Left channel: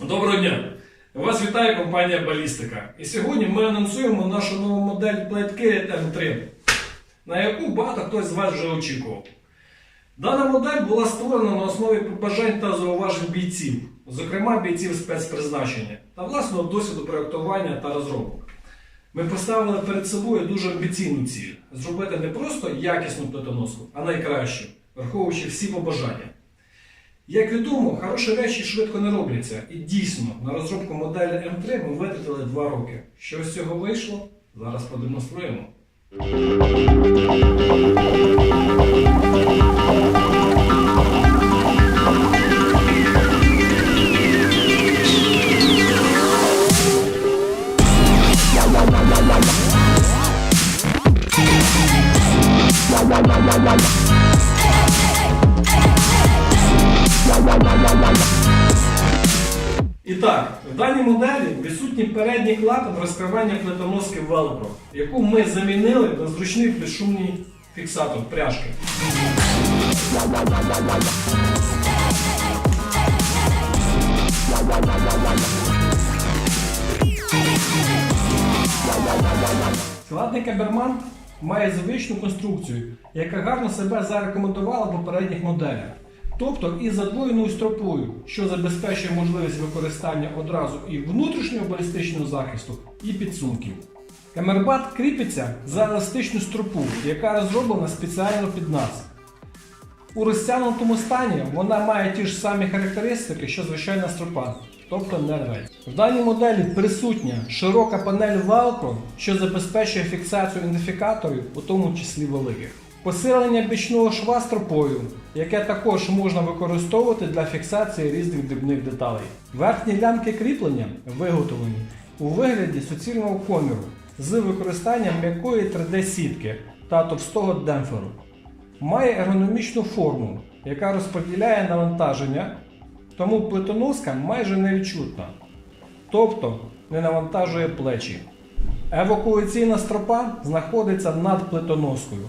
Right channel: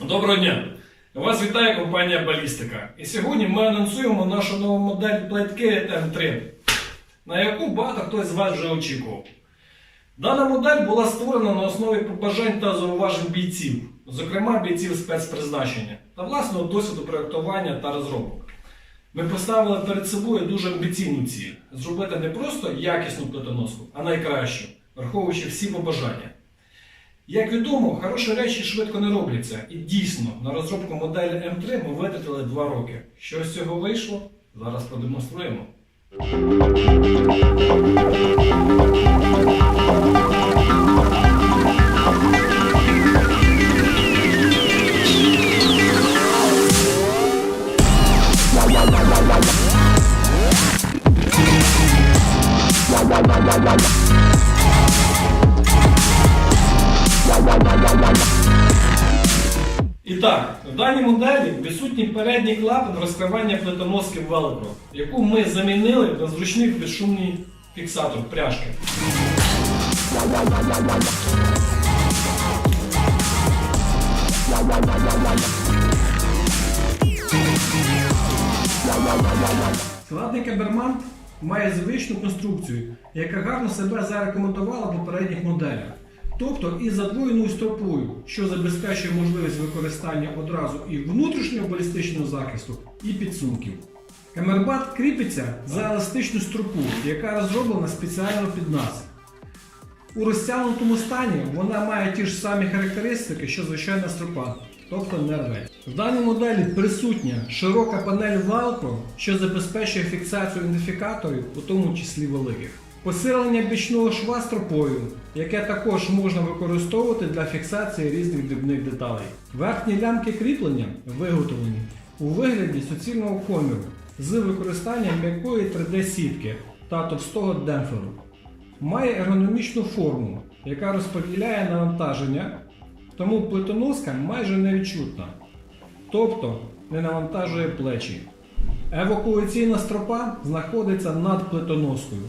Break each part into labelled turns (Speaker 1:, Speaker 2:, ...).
Speaker 1: Доброго дня! Вас вітає компанія Балістика. І сьогодні ми анонсуємо нашу нову модель Plate M3, на яку багато хтось з вас вже очікував. Дана модель була створена на основі побажань та зауважень бійців, зокрема бійців спецпризначення та власного досвіду проєктування та розробок. Ми поставили перед собою дуже амбіційну ціль зробити не просто якісну плитоноску, а найкращу, враховуючи всі побажання. Як відомо, хороші речі швидко не робляться. І дійсно, на розробку моделі М3 ми витратили 2 роки. Що з цього вийшло? Зараз продемонструємо. І так, в даній моделі відсутній передній клапан розкривання плитоноски Velcro, яку ми замінили на зручний безшумний фіксатор пряжки. Складний каберман має звичну конструкцію, яка гарно себе зарекомендувала в попередніх моделях. Тобто із задвоєною стропою, що забезпечує можливість використання одразу і внутрішнього балістичного захисту, і підсумків. Камербат кріпиться за еластичну стропу, яка розроблена спеціально під нас. У розтягнутому стані вона має ті ж самі характеристики, що звичайна стропа, тобто не рветь. В даній моделі присутня широка панель Velcro, що забезпечує фіксацію ідентифікаторів, у тому числі великих. Посилення бічного шва стропою, яке також можна використовувати для фіксації різних дрібних деталей. Верхні лямки кріплення виготовлені у вигляді суцільного коміру з використанням м'якої 3D-сітки та товстого демпферу. Має ергономічну форму, яка розподіляє навантаження, тому плитоноска майже невідчутна, тобто не навантажує плечі. Евакуаційна стропа знаходиться над плитоноскою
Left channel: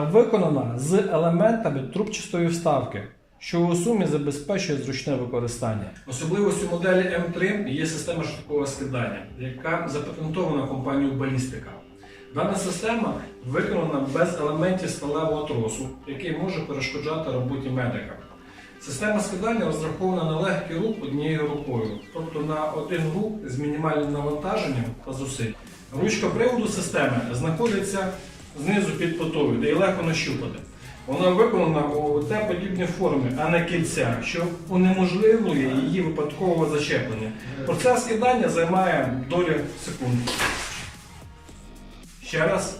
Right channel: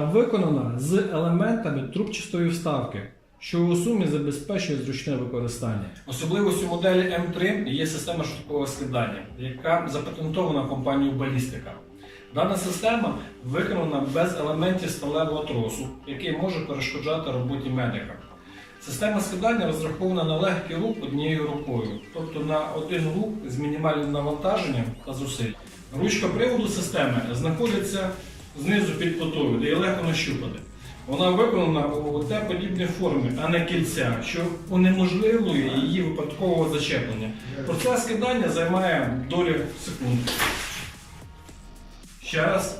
Speaker 1: виконана з елементами трубчастої вставки, що у сумі забезпечує зручне використання. Особливістю моделі М3 є система швидкого скидання, яка запатентована компанією Балістика. Дана система виконана без елементів сталевого тросу, який може перешкоджати роботі медика. Система скидання розрахована на легкий рух однією рукою, тобто на один рух з мінімальним навантаженням та зусиль. Ручка приводу системи знаходиться знизу під потою, де її легко нащупати. Вона виконана у Т-подібній формі, а не кільця, що унеможливлює її випадкове зачеплення. Процес скидання займає долю секунд. Ще раз.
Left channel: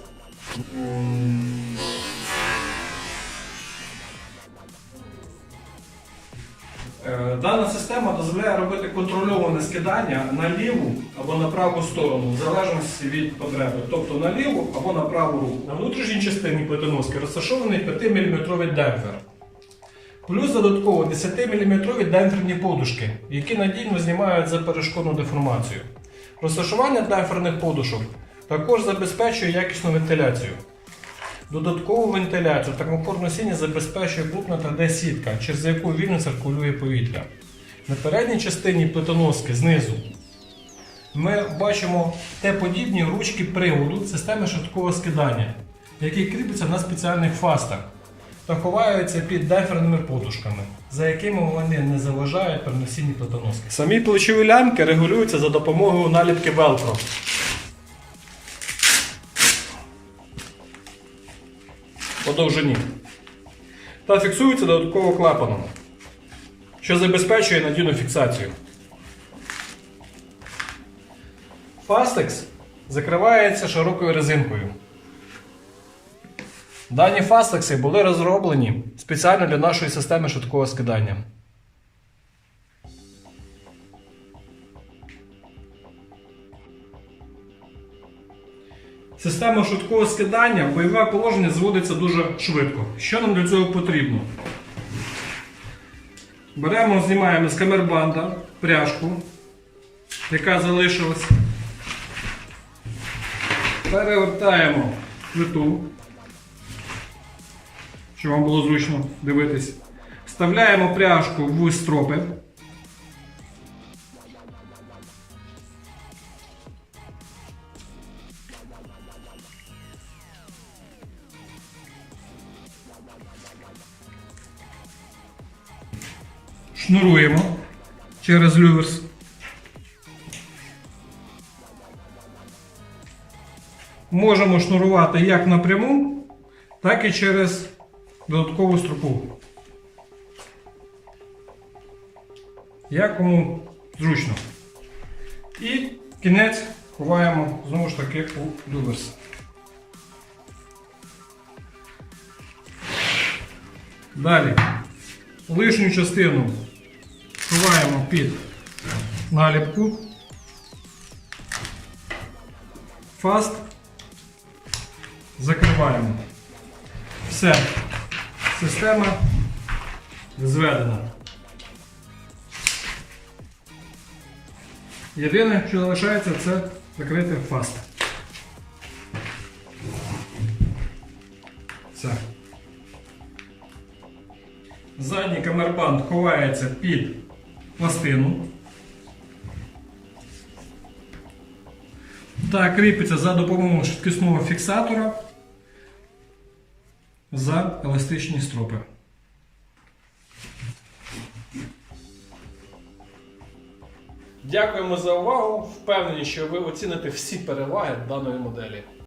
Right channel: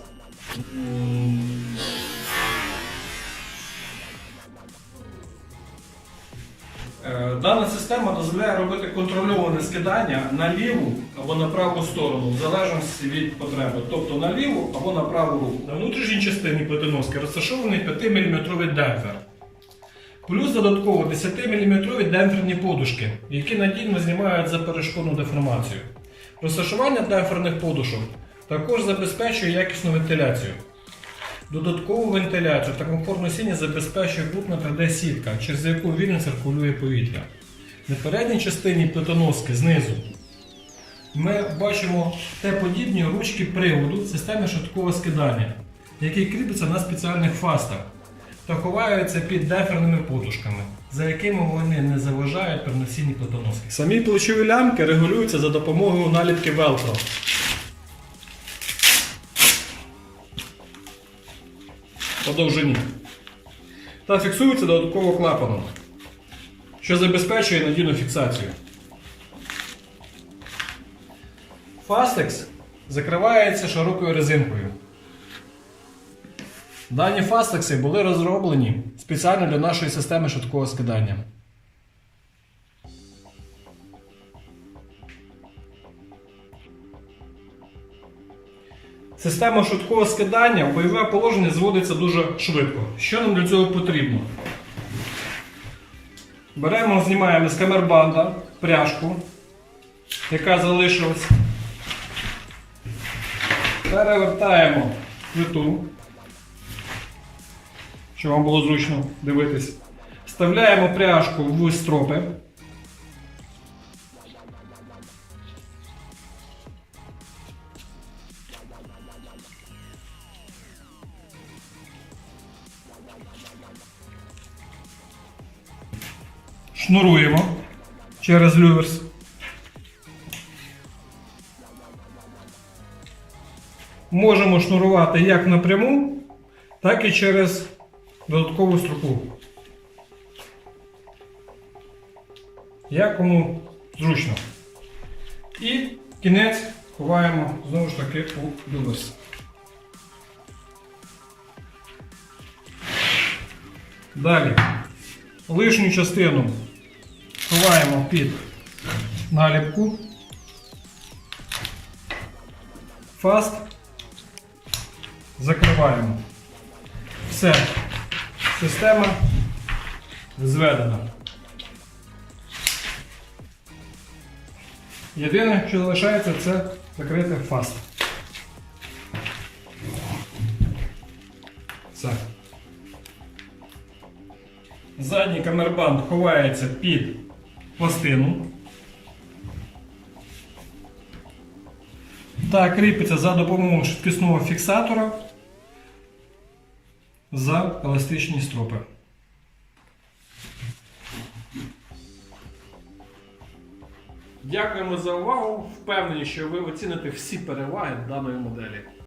Speaker 1: Дана система дозволяє робити контрольоване скидання на ліву або на праву сторону, в залежності від потреби, тобто на ліву або на праву руку. На внутрішній частині плитоноски розташований 5-мм демпфер. Плюс додатково 10-мм демпферні подушки, які надійно знімають за перешкодну деформацію. Розташування демпферних подушок також забезпечує якісну вентиляцію. Додаткову вентиляцію та комфортну сіння забезпечує крупна 3D-сітка, через яку вільно циркулює повітря. На передній частині плитоноски знизу ми бачимо Т-подібні ручки приводу системи швидкого скидання, які кріпляться на спеціальних фастах та ховаються під деферними подушками, за якими вони не заважають при носінні плитоноски. Самі плечові лямки регулюються за допомогою наліпки Velcro. По довжині та фіксується додатково клапаном, що забезпечує надійну фіксацію. Фастекс закривається широкою резинкою. Дані фастекси були розроблені спеціально для нашої системи швидкого скидання. Система швидкого скидання бойове положення зводиться дуже швидко. Що нам для цього потрібно? Беремо, знімаємо з камербанда пряжку, яка залишилась. Перевертаємо плиту, щоб вам було зручно дивитись. Вставляємо пряжку в стропи. Шнуруємо через люверс. Можемо шнурувати як напряму, так і через додаткову стропу. Як кому зручно. І кінець ховаємо знову ж таки у люверс. Далі лишню частину ховаємо під наліпку. Фаст. Закриваємо. Все. Система зведена. Єдине, що залишається, це закрити фаст. Все. Задній камербанд ховається під пластину. Та кріпиться за допомогою швидкісного фіксатора за еластичні стропи. Дякуємо за увагу. Впевнені, що ви оціните всі переваги даної моделі.